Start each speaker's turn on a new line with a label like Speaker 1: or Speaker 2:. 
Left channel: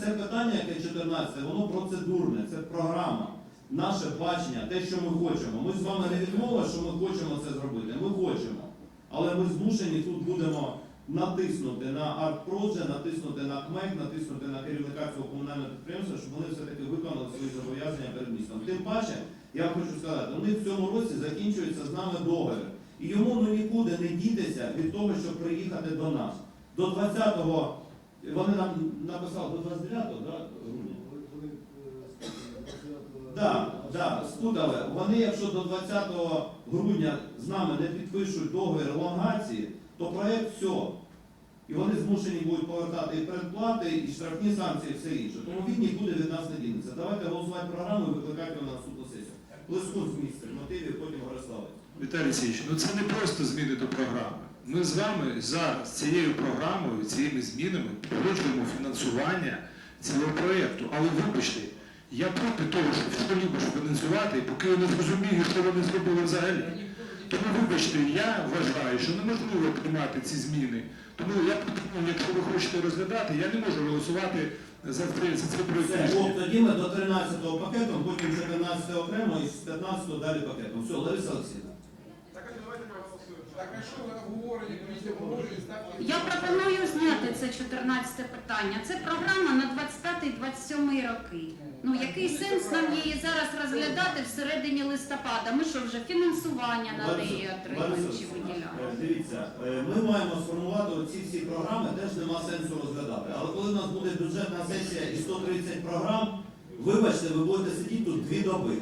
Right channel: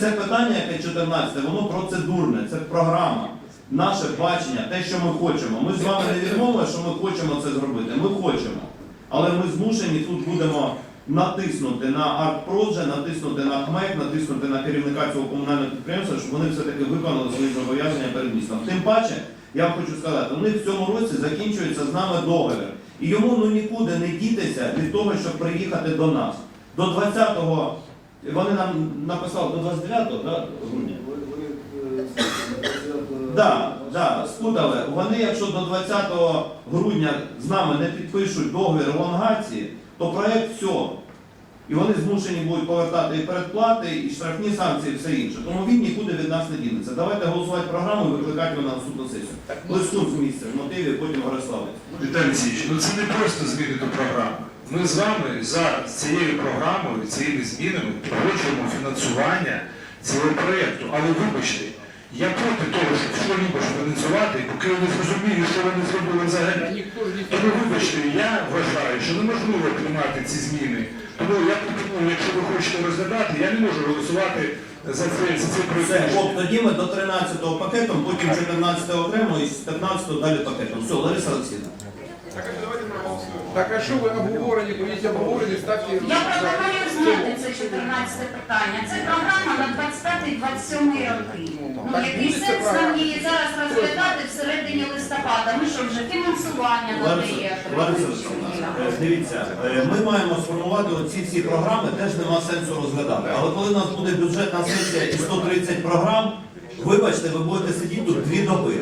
Speaker 1: Це питання, яке 14, воно процедурне, це програма, наше бачення, те, що ми хочемо. Ми з вами не відмовили, що ми хочемо це зробити. Ми хочемо. Але ми змушені тут будемо натиснути на артпродже, натиснути на ХМЕК, натиснути на керівника цього комунального підприємства, щоб вони все-таки виконали свої зобов'язання перед містом. Тим паче, я вам хочу сказати, у них в цьому році закінчується з нами договір. І йому ну нікуди не дітися від того, щоб приїхати до нас. До 20-го, вони нам написали до 29-го, да, грудня. Да, да, спутали. Вони, якщо до 20 грудня з нами не підпишуть договір елонгації, то проект все. І вони змушені будуть повертати і передплати, і штрафні санкції, і все інше. Тому він нікуди від нас не дінеться. Давайте голосувати програму і викликати його на наступну сесію. Листун з місця, в мотиві, потім Гориславець.
Speaker 2: Віталій Олексійович, ну це не просто змінити програму. Ми з вами за цією програмою, цією змінами погоджуємо фінансування цього проєкту. Але вибачте, я проти того, щоб що-небудь фінансувати, поки я не зрозумію, що вони зробили взагалі. Тому вибачте, я вважаю, що неможливо приймати ці зміни. Тому я пропоную, якщо ви хочете розглядати, я не можу голосувати за цей, за цей
Speaker 1: Все,
Speaker 2: проєкт.
Speaker 1: от тоді ми до 13-го пакетом, потім 14-го окремо і з 15-го далі пакетом. Все, Лариса Олексійовна.
Speaker 3: Так а що ви обговорені, будете обговорені, ставте...
Speaker 4: Я пропоную зняти це 14 питання. Це програма на 25-27 роки. Ну, який сенс нам її зараз розглядати всередині листопада? Ми що вже фінансування надає?
Speaker 1: Лариса Олексійовна, е, дивіться, е, ми маємо сформувати оці всі програми, теж нема сенсу розглядати. Але коли у нас буде бюджетна сесія і 130 програм, вибачте, ви будете сидіти тут дві доби.